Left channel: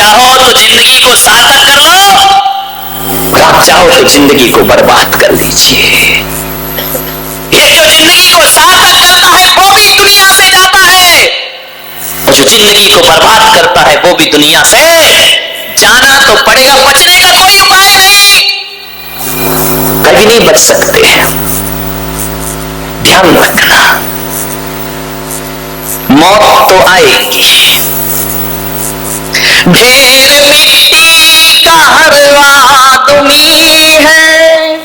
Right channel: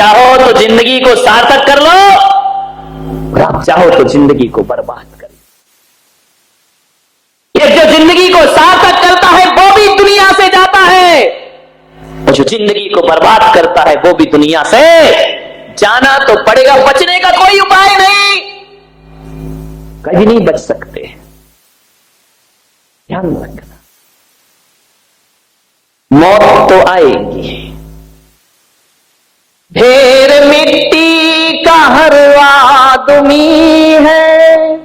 चाहो तो जिंदगी को सार्थक कर लो और आप चाहो तो जिंदगी को बर्बाद कर लीजिए। ये जो जिंदगी को सार्थक करता है वो भी दुनिया से जाता है, और जो जिंदगी को बर्बाद करता है वो भी दुनिया से जाना तो पड़ेगा। बचने का कोई उपाय नहीं, कभी नहीं बच सकते हैं। ध्यान रखना, मौत तो आएगी। ढेर मिट्टी का हर आदमी है,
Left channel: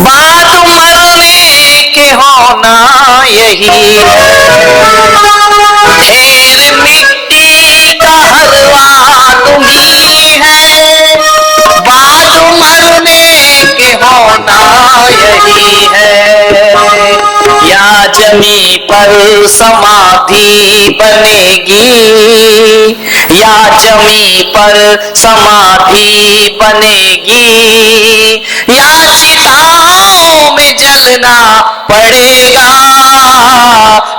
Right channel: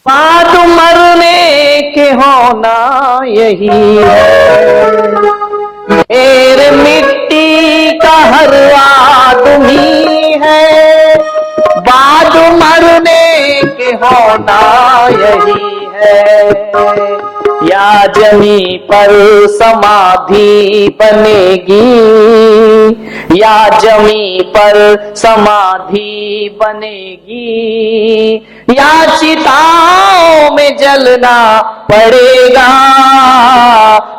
बात मरने के होना यही है। ढेर मिट्टी का हर आदमी है, बात मरने के होना यही है। या जमी पर समाधि बनेगी, या जमी पर समाधि बनेगी, या चिताओं में जलना पड़ेगा।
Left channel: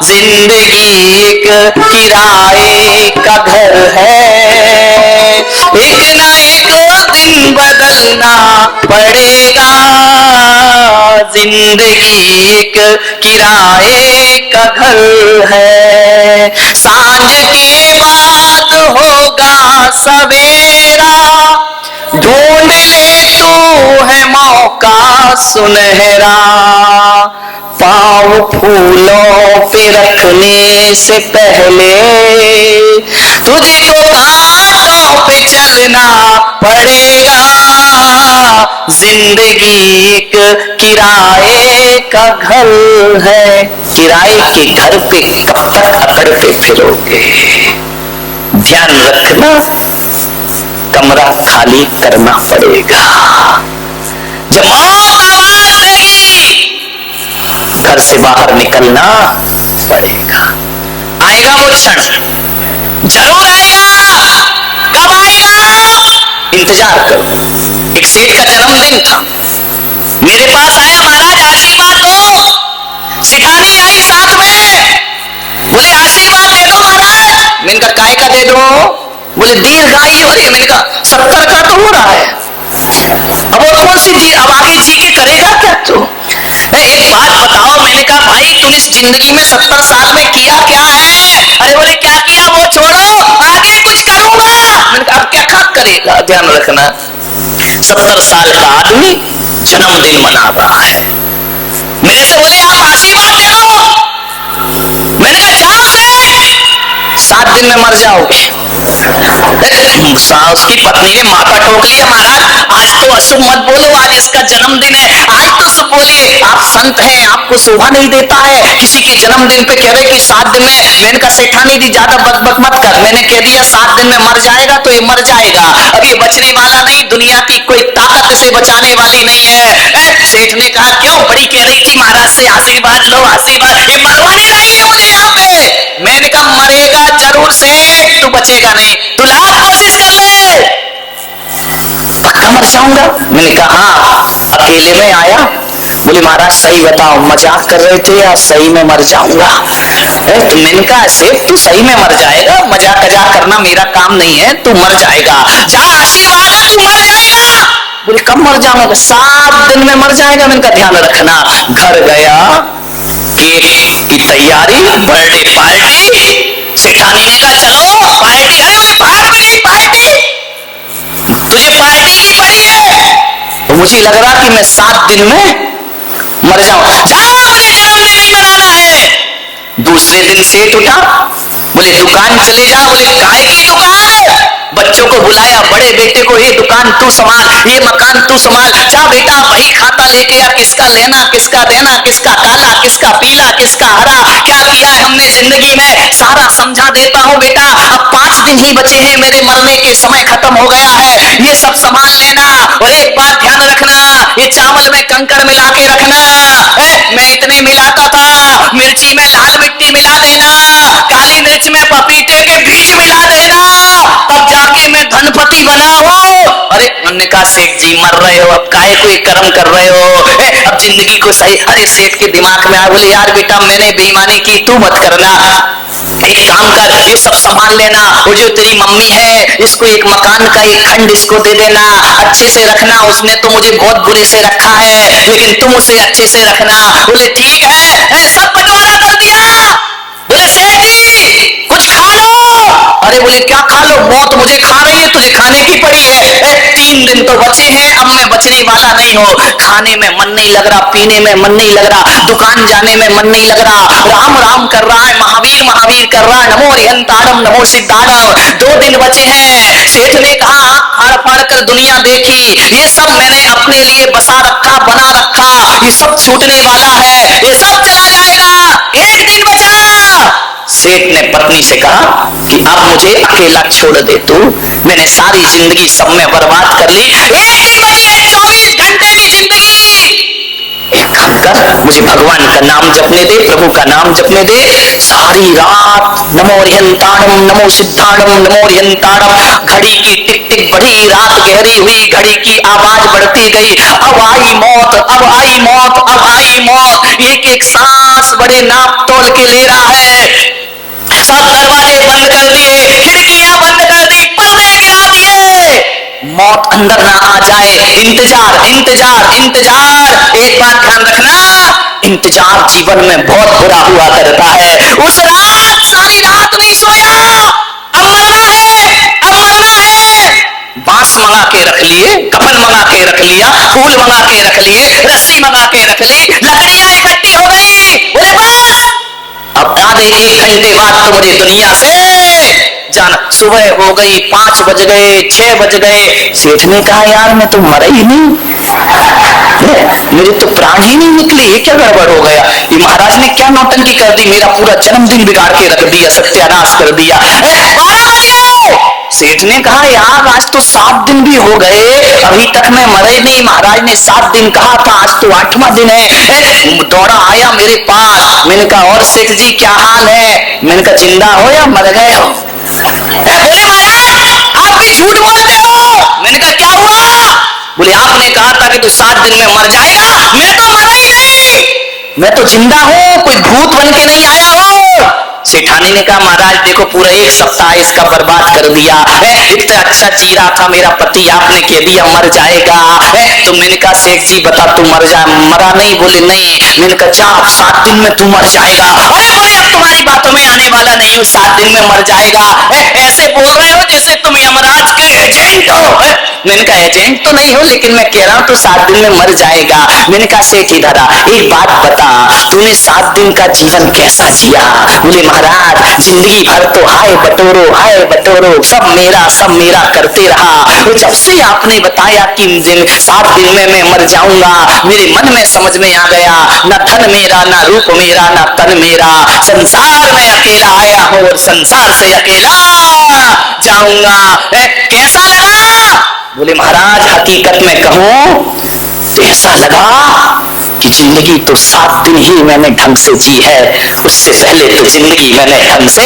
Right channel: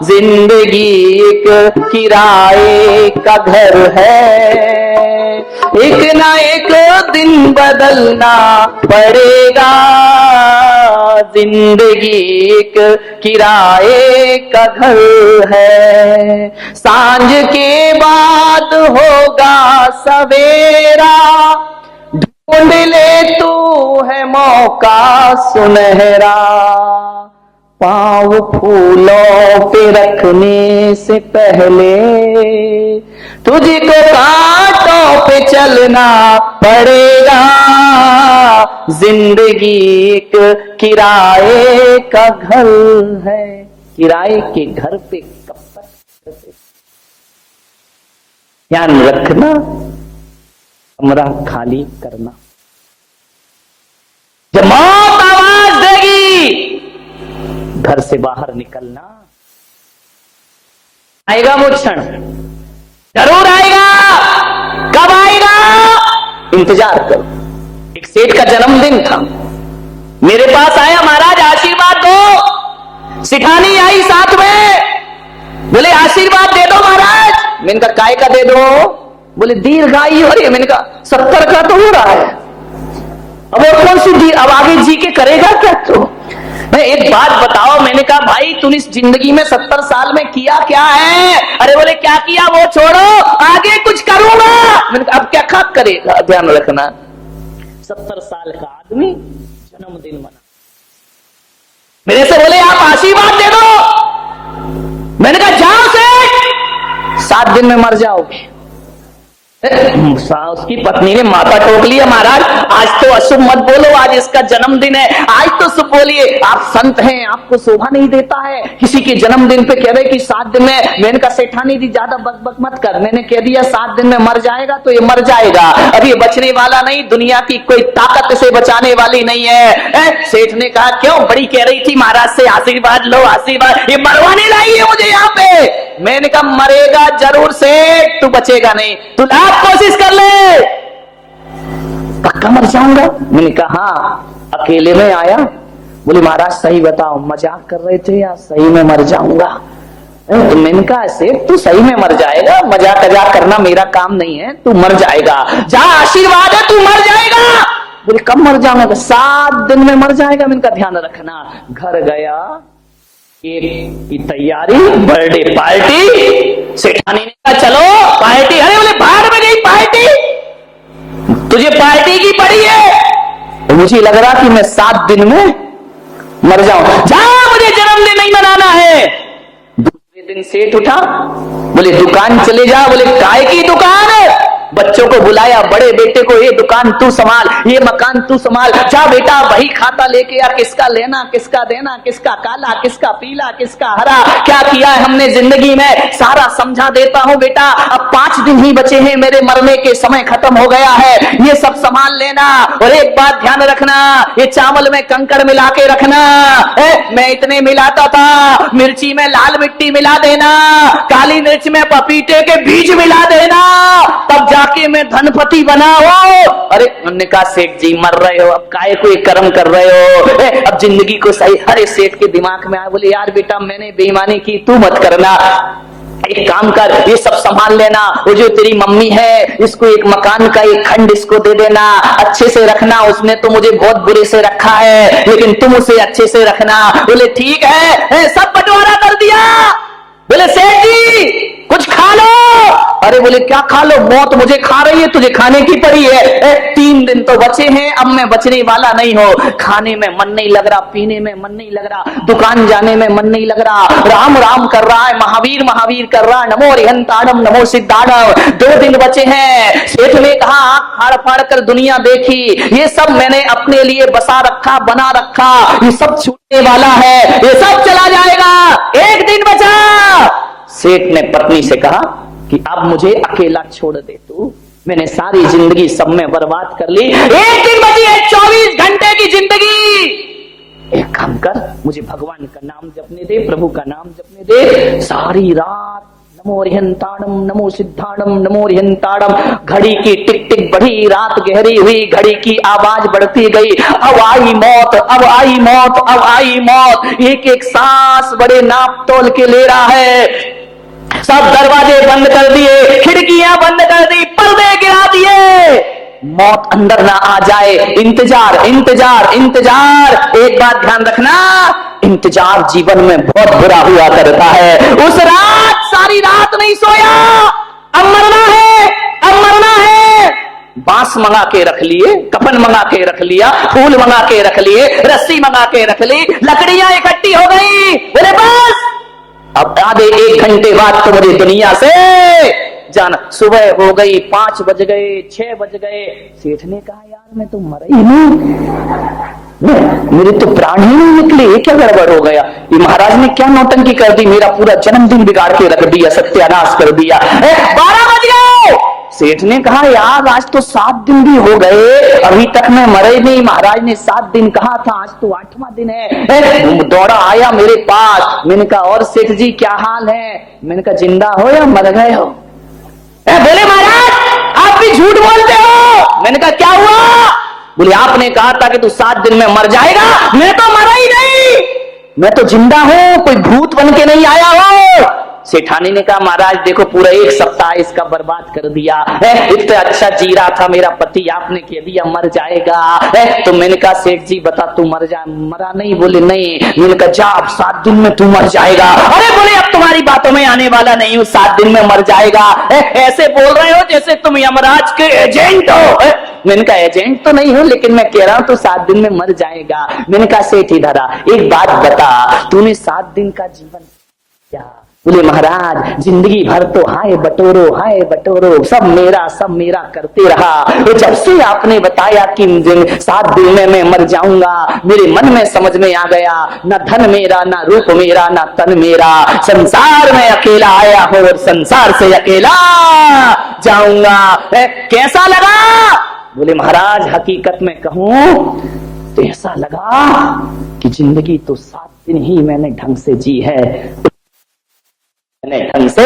जिंदगी एक किराए का घर है, एक ना एक दिन बदलना पड़ेगा। जिंदगी एक किराए का घर है, सांझ के बाद होगा सवेरा। ढूंढ ले तू है मौका सुनहरा, पाँव फूलों पे रखने से पहले तुझको कांटों पे चलना पड़ेगा। जिंदगी एक किराए का घर है, किराए के घर पे कब तक अकड़ते फिरोगे? ध्यान रखना, कमरा खाली करना पड़ेगा। जब मौत आवाज देगी घर से बाहर निकलना पड़ेगा। आएगा वो क्षण, जरूर आएगा। कब आएगा? इंतजार करो। एक सेठ का जन्मदिन था, मेरे पास आया, महाराज आशीर्वाद दो। सिठानी आई साथ में, बोले आशीर्वाद दे दो महाराज। मैंने कहा काय का दे दो? बोले दीर्घायु हो रही है। मैंने कहा 70 का तो हो रहा है, अब और कौन सी अब आगे जी के करेगा क्या तू? एक बात बताओ। मैंने कहा भाई तूने इस जिंदगी में 70 साल में किया क्या है? अरे बोले क्या किया वो छोड़ो, आगे कुछ करूंगा। मैंने कहा अब क्या करेगा? ध्यान रखना, 70 साल का आदमी जन्मदिन मना रहा है। मेरे से बोले आप आशीर्वाद दे दो। मैंने कहा जाओ से 7 दिन में मर जाओगे। उसकी पत्नी ने माथा ठोक लिया, महाराज आज तो अशुभ मत बोलो, आज इसका जन्मदिन है, आज तो शुभ बोलिए। आप संत हैं, आपको शोभा नहीं देता है किसी के जन्मदिन पे कह रहे कि 7 दिन में। मैंने कहा सेठानी जी ज्यादा बकबक मत कर, मैंने कह दिया 7 दिन में मर जाएगा तो ये मर जाएगा, अब ये बचने वाला नहीं, दुनिया की कोई ताकत से बचाने वाली नहीं है। सेठ ने कहा क्यों? बड़ी कह रही थी महाराज से आशीर्वाद लो आशीर्वाद, ये मरवाने लाई है मुझे यहाँ पे। मैंने कहा मरेगा जरूर सेठ, तू बचेगा नहीं, तू लाख कोशिश कर ले, पक्का मर जाऊंगा। मैंने कहा हाँ। अकेले में आया, बोले महाराज सही बताओ मजाक कर रहे थे या सही में मर जाऊंगा? तो मैंने कहा सेठ तू सही में मर जाएगा, मजाक मजाक करना मेरा काम नहीं है, तू मर जाएगा, जा आशीर्वाद है तू मर जाएगा। बोले कब मर जाऊंगा? 7 दिन में मर जाएगा। मैंने कहा ध्यान रखना। घर गया, केक की तैयारी, बर्थडे पार्टी। सेठानी ने कहा चलो पार्टी। अरे बोले बाहर में गई पार्टी, तुझे पार्टी की पड़ी है। तो मुझे लग रहा कि मैं 7 दिन में मर जाऊं। जाओ मुझे जन्मदिन नहीं मनाना है। दूसरे दिन सेठ उठा, बोले दुकान चले जा। बोले काय की दुकान? बच्चों को बुलाया, बड़े बेटे को ये दुकान तू संभाल, ये मकान तू संभाल, जा बेटा वही खाता लेके आ, किसका लेना किसका देना, किसका काला किसका पीला किसका हरा, क्या किया है हमने जिंदगी में सारा समझा देता हूं बेटा। अब 5 दिन ही बचे हैं, मेरे मरने के समय खत्म हो गया है, ये सब संभाल लेना। और एक बात ध्यान रखना, ये चावल में कंकड़ मिला के रखना। मैं इतने मिलाता था, मिर्ची में लाल मिट्टी मिला देना, काली मिर्च में पपीते के बीज मिला देना, तब जाके मैं धनपति बना हो। अरे उन्होंने कहा सेठ जी मर रहे हो, अब काहे कोई कर्म कर रहे हो, अब जिंदगी को सही। अरे सेठ के दिमाग में आया, बोले यार बेटा मैंने बेईमानी की, तू मत करना। एक काम कर, ये सब संभाल लेना, वो जो तेरी मम्मी है इसको एक मकान का एक खंड इसको दे देना, अच्छे से रखना, उसने तो मुझे बहुत बुरे से रखा है लेकिन तुम उसे अच्छे से रखना। बोले ठीक है, सब बंटवारा कर दिया। बोले सेठ जी कुछ खा लो। अरे बोले क्या खा लो, मौत मुझे खा रही है, तुझे खाने की पड़ी है। 3 दिन तो बचे हैं, अब मैं बचने वाला नहीं हूं। खाने में मन नहीं लग रहा, पीने में मन नहीं लग रहा, दुकान जाने में मन नहीं लग रहा, राम राम कर रहा है, महावीर महावीर कर रहा है, नमो रिहंताड़म नमो सिद्धाड़म। 2 दिन बचे हैं। सेठ ने कहा फाड़ फाड़ कर दुनिया देखी, ये सब मैंने अपने लिए बसा रखा, बना रखा, ये सब छूटने वाला है, ये सब चला जाएगा, 1 दिन बचा। सेठ ने पत्नी से कहा कि अब मुझे अकेला छोड़ दे तू, मैंने सारी जिंदगी सब में बर्बाद कर ली, 1 दिन बची है, 24 घंटे की जिंदगी। एक काम कर, मुझे भगवान का नाम जपने दे, प्रभु का नाम जपने दे। सारी रात नमो रिहंताड़म नमो सिद्धाड़म नमो रिहंताड़म, घड़ी की टिक टिक बढ़ी, रात गहरी हुई, घड़ी की आवाज बढ़ती गई, अब आई मौत, अब आई मौत, अब आई मौत। एक एक सांस बड़े नाप तोल के ले रहा है। सब दरवाजे बंद कर दिए, खिड़कियां बंद कर दी, पर्दे गिरा दिए, मौत अंदर ना आ जाए। इंतजार इंतजार इंतजार। एक बात ध्यान रखना, इंतजार जीवन में बहुत बुरा हुआ करता है। उस रात सारी रात नहीं सोया, अब मरना है, अब मरना है। बांस मंगा के रख लिए, कफन मंगा के रख लिया, फूल मंगा के रख लिए, रस्सी मंगा के रख ली, लकड़ियां इकट्ठी हो गई। बोले बस अब आधे 1 घंटे बाद तो मुझे दुनिया से जाना। सुबह हो गई, 5 बज गए, 6 बज गए। सेठ ने कहा यार मैं तो मरा ही नहीं, मेरे तो प्राण ही नहीं निकले, ये क्या गड़बड़ हो गया, ये महाराज ने क्या नौटंकी कर दी, मेरा पूरा जन्मदिन बिगाड़ के रख दिया, सत्यानाश कर दिया। 12 बज गए। सेठ ने कहा यार आज तो 7 दिन भी हो गए, अभी तक मैं मरा ही नहीं, महाराज ने 7 दिन कहा था, आज तो 8वां दिन है। दौड़ा आया मेरे पास, मैंने कहा और सेठ जी क्या हाल है? मैंने कहा जिंदा हो या मर गए हो? बोले महाराज आप भी झूठ बोलते हो। मैंने कहा क्या हुआ? बोले आपने कहा था कि तू 7 दिन में मर जाएगा, मैं तो मरा ही नहीं, मैं तो जिंदा हूं, कोई भूत बन के नहीं आया हो। सेठानी ने कहा महाराज देखो पूरा 1 सप्ताह इसका बर्बाद कर दिया है, इतना अच्छा जी रहा था मेरा पति, आपने कह दिया मर जाएगा है। तो मैंने कहा सेठ जी बता तू मर जा, मरा नहीं? बोले नहीं। मैंने कहा जा 7 दिन में तू मर जाएगा। अरे बोले अब तुम्हारी बातों में आने वाला नहीं हूँ, 7 दिन में मर जाएगा। ऐसे बोल रहे हो जैसे तुम यमराज के एजेंट हो। मैंने कहा एजेंट तो नहीं हो, लेकिन मैं कह रहा हूं तू 7 दिन में मर जाएगा। मैंने कहा सेठ इधर आ, एक बात बता तूने 7 दिन का जीवन कैसा जिया? बोले महाराज जिंदगी भर तो हाय बटोरो सब मेरा करते रहा। जब से आपने बताया कि 7 दिन में मैं मर जाऊंगा, मेरे मन में समझ में आ गया न धन मेरा, न रूप मेरा, न तन मेरा, संसार में अकेला आया हूं और संसार से अकेला जाऊंगा। कैसा लगा? बोले महाराज हकीकत में कहूं तो ऐसा लगा कि जिंदगी तो 7 दिन ही मैंने ढंग से जी है, उससे पहले तो जिंदगी मैंने ढंग से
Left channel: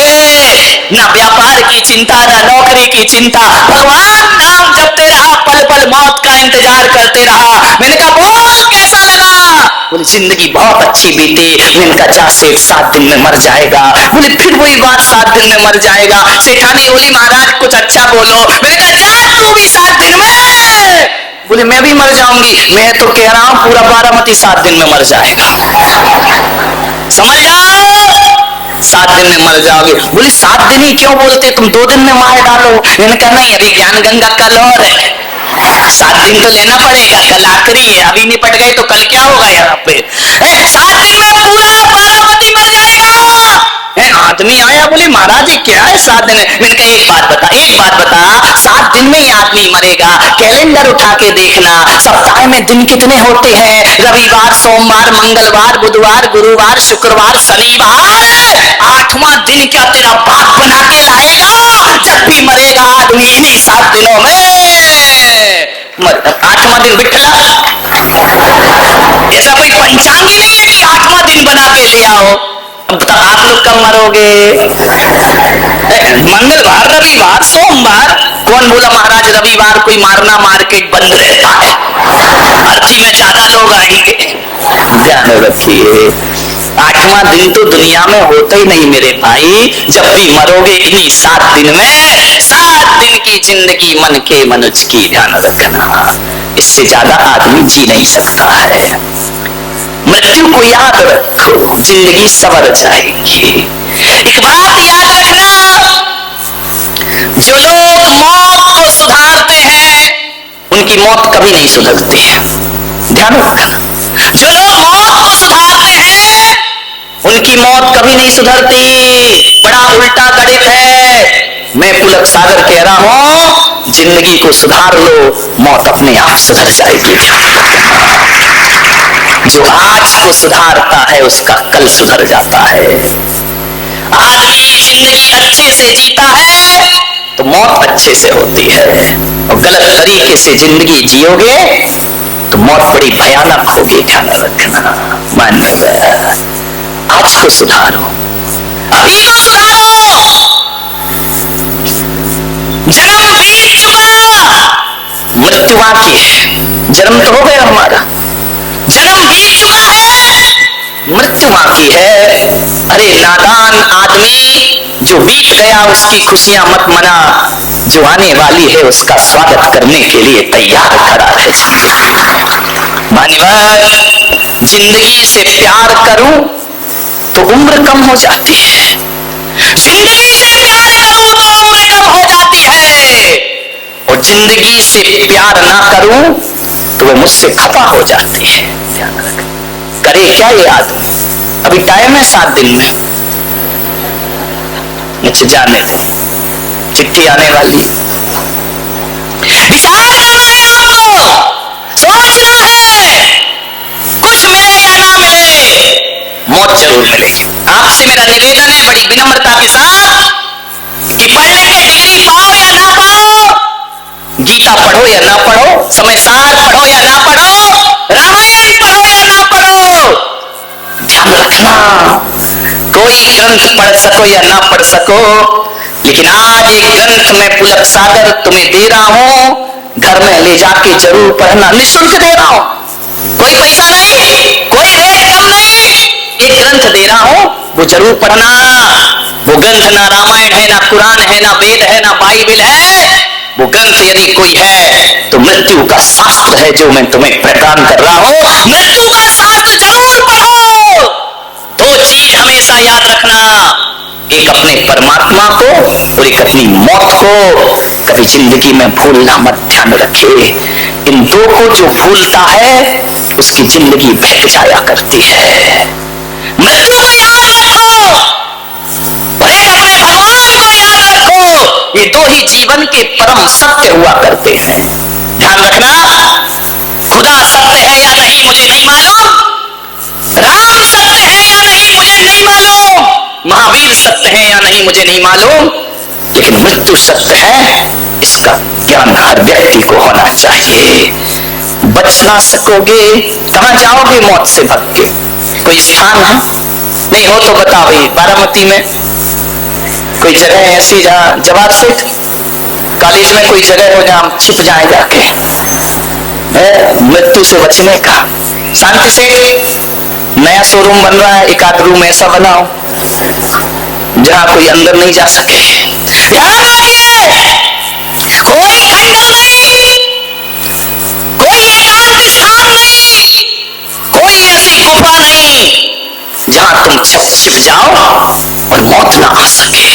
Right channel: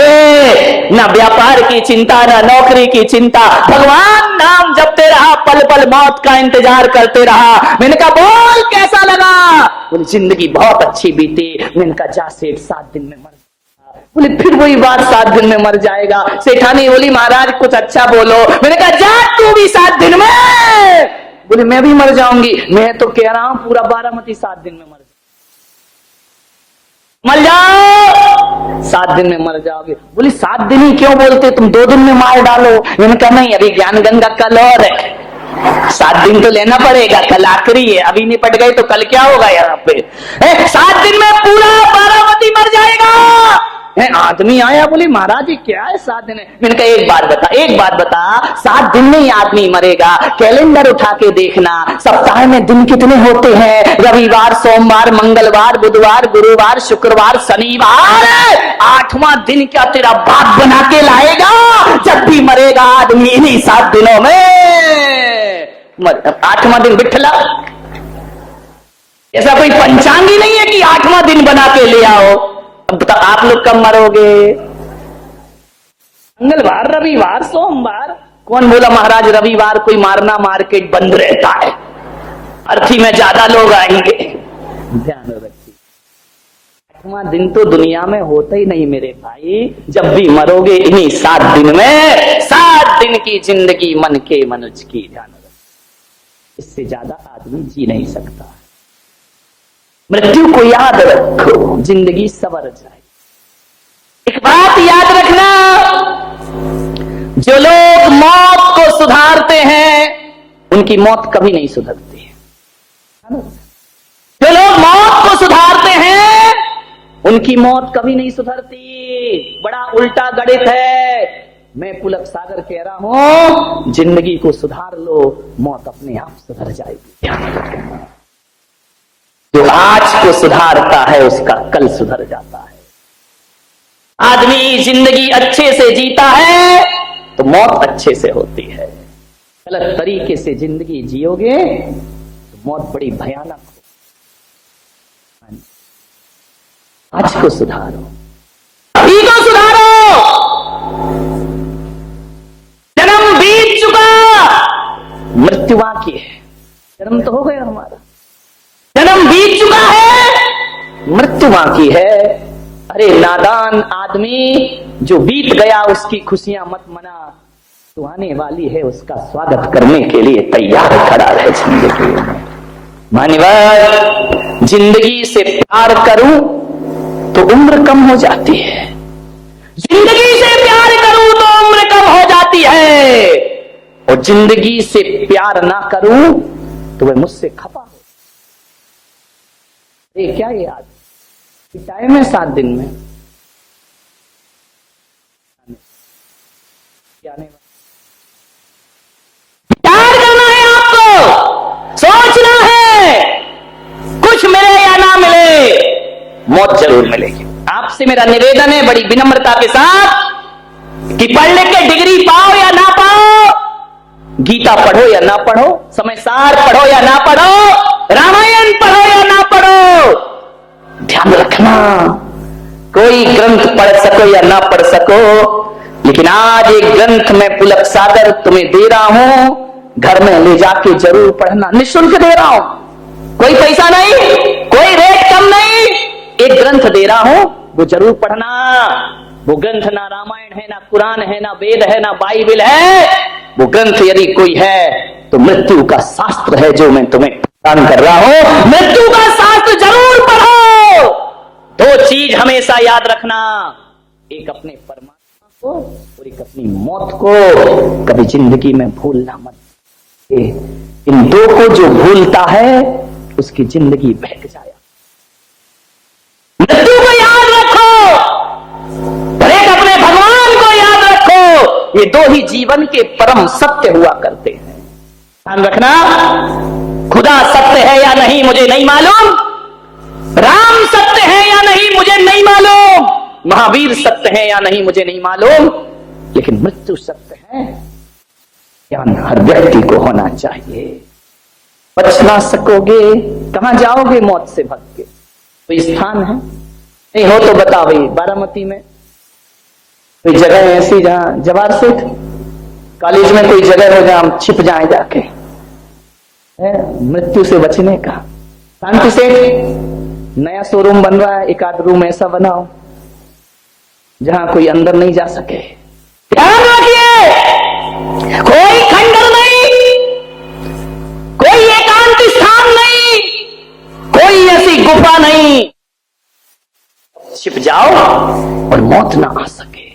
ना व्यापार की चिंता, ना नौकरी की चिंता, भगवान नाम जपते रहा, पल पल मौत का इंतजार करते रहा। मैंने कहा बोल कैसा लगा? बोले जिंदगी बहुत अच्छी बीती। मैंने कहा जा सेठ 7 दिन में मर जाएगा। बोले फिर वही बात 7 दिन में मर जाएगा। सेठानी बोली महाराज कुछ अच्छा बोलो। मैंने कहा जा तू भी 7 दिन में। बोले मैं भी मर जाऊंगी। मैं तो कह रहा हूं पूरा बारामती 7 दिन में मर जाएगा, समझ जाओ 7 दिन में मर जाओगे। बोले 7 दिन ही क्यों बोलते, तुम 2 दिन में मार डालो। मैंने कहा नहीं अभी ज्ञान गंगा कल और है, 7 दिन तो लेना पड़ेगा, कल आखिरी है, अभी निपट गए तो कल क्या होगा यहाँ पे। 7 दिन में पूरा बारामती मर जाएगा। आदमी आया बोले महाराज जी क्या है 7 दिन? मैंने कहा एक बात बता 7 दिन में ही आदमी मरेगा। कैलेंडर उठा के देखना, सप्ताह में दिन कितने होते हैं? रविवार, सोमवार, मंगलवार, बुधवार, गुरुवार, शुक्रवार, शनिवार। 8वां दिन क्या तेरा बाप बना के लाएगा? जब भी मरेगा आदमी इन्हीं 7 दिनों में 8वां दिन बिठला। ऐसा कोई पंचांग ही नहीं है कि 8वां दिन बना के ले आओ। तो आप लोग कब मरोगे? मंगलवार, रविवार, सोमवार। कौन बोला महाराज रविवार कोई मारना, मार्केट बंद रहता है, अर्थी में ज्यादा लोग आएंगे। ध्यान रखिए 8वां दिन तो दुनिया में होता ही नहीं मेरे भाई। जब भी मरोगे इन्हीं 7 दिन में, 7 दिन की जिंदगी मन के मनुज की, ध्यान रखना। इससे ज्यादा आदमी जी नहीं सकता है। मृत्यु को याद रखो, जिंदगी सवर जाएगी। एक बात याद रखना, जो लोग मौत को सुधारते हैं उनकी मौत कभी नहीं सुधरती है। ध्यान रखना, जो लोग मौत को सुधारते हैं उनकी मौत कभी नहीं सुधरती। बड़ा उल्टा गणित है। मैं पुलक सागर कह रहा हूं, जिंदगी को सुधार लो, मौत अपने आप सुधर जाएगी। ध्यान रखना, जो आज को सुधारता है उसका कल सुधर जाता है। आदमी जिंदगी अच्छे से जीता है तो मौत अच्छे से होती है, और गलत तरीके से जिंदगी जियोगे तो मौत बड़ी भयानक होगी। ध्यान रखना, मान्य आज को सुधारो, अभी को सुधारो। जन्म बीत चुका, मृत्यु बाकी है। जन्म तो हो गया हमारा, जन्म बीत चुका है, मृत्यु बाकी है। अरे नादान आदमी, जो बीत गया उसकी खुशियां मत मना, जो आने वाली है उसका स्वागत करने के लिए तैयार खड़ा रहे जिंदगी में। मान्यवर, जिंदगी से प्यार करूं तो उम्र कम हो जाती है, जिंदगी से प्यार करूं तो उम्र कम हो जाती है, और जिंदगी से प्यार ना करूं तो वह मुझसे खफा हो जाती है। ध्यान रख, करे क्या ये आदमी? अभी टाइम है 7 दिन में, अच्छा जाने दे, चिट्ठी आने वाली। विचार करना है आपको, सोचना है, कुछ मिले या ना मिले मौत जरूर मिलेगी। आपसे मेरा निवेदन है बड़ी विनम्रता के साथ कि पढ़ लिख के डिग्री पाओ या ना पाओ, गीता पढ़ो या ना पढ़ो, समय सार पढ़ो या ना पढ़ो, रामायण पढ़ो या ना पढ़ो, ध्यान रखना, कोई ग्रंथ पढ़ सको या ना पढ़ सको, लेकिन आज एक ग्रंथ में पुलक सागर तुम्हें दे रहा हूं, घर में ले जाके जरूर पढ़ना। निःशुल्क दे रहा हूं, कोई पैसा नहीं, कोई रेट कम नहीं, एक ग्रंथ दे रहा हूं, वो जरूर पढ़ना। वो ग्रंथ ना रामायण है, ना कुरान है, ना वेद है, ना बाइबल है। वो ग्रंथ यदि कोई है तो मृत्यु का शास्त्र है, जो मैं तुम्हें प्रदान कर रहा हूं। मृत्यु का शास्त्र जरूर पढ़ो। 2 चीज हमेशा याद रखना, एक अपने परमात्मा को और एक अपनी मौत को कभी जिंदगी में भूलना मत। ध्यान रखे, इन 2 को जो भूलता है उसकी जिंदगी बहक जाया करती है। मृत्यु को याद रखो और एक अपने भगवान को याद रखो, ये 2 ही जीवन के परम सत्य हुआ करते हैं। ध्यान रखना, खुदा सत्य है या नहीं मुझे नहीं मालूम, राम सत्य है या नहीं मुझे नहीं मालूम, महावीर सत्य है या नहीं मुझे नहीं मालूम, लेकिन मृत्यु सत्य है, इसका ज्ञान हर व्यक्ति को होना चाहिए। बच ना सकोगे, कहां जाओगे मौत से भाग के? कोई स्थान है? नहीं हो तो बताओ भाई, बारामती में कोई जगह ऐसी जहां, जवाहर सेठ कॉलेज में कोई जगह हो जहां छिप जाए जाके मृत्यु से बचने का। शांति सेठ नया शोरूम बन रहा है, एक आध रूम ऐसा बनाओ जहां कोई अंदर नहीं जा सके। ध्यान रखिए, कोई खंडर नहीं, कोई एकांत स्थान नहीं, कोई ऐसी गुफा नहीं जहां तुम छिप जाओ और मौत ना आ सके।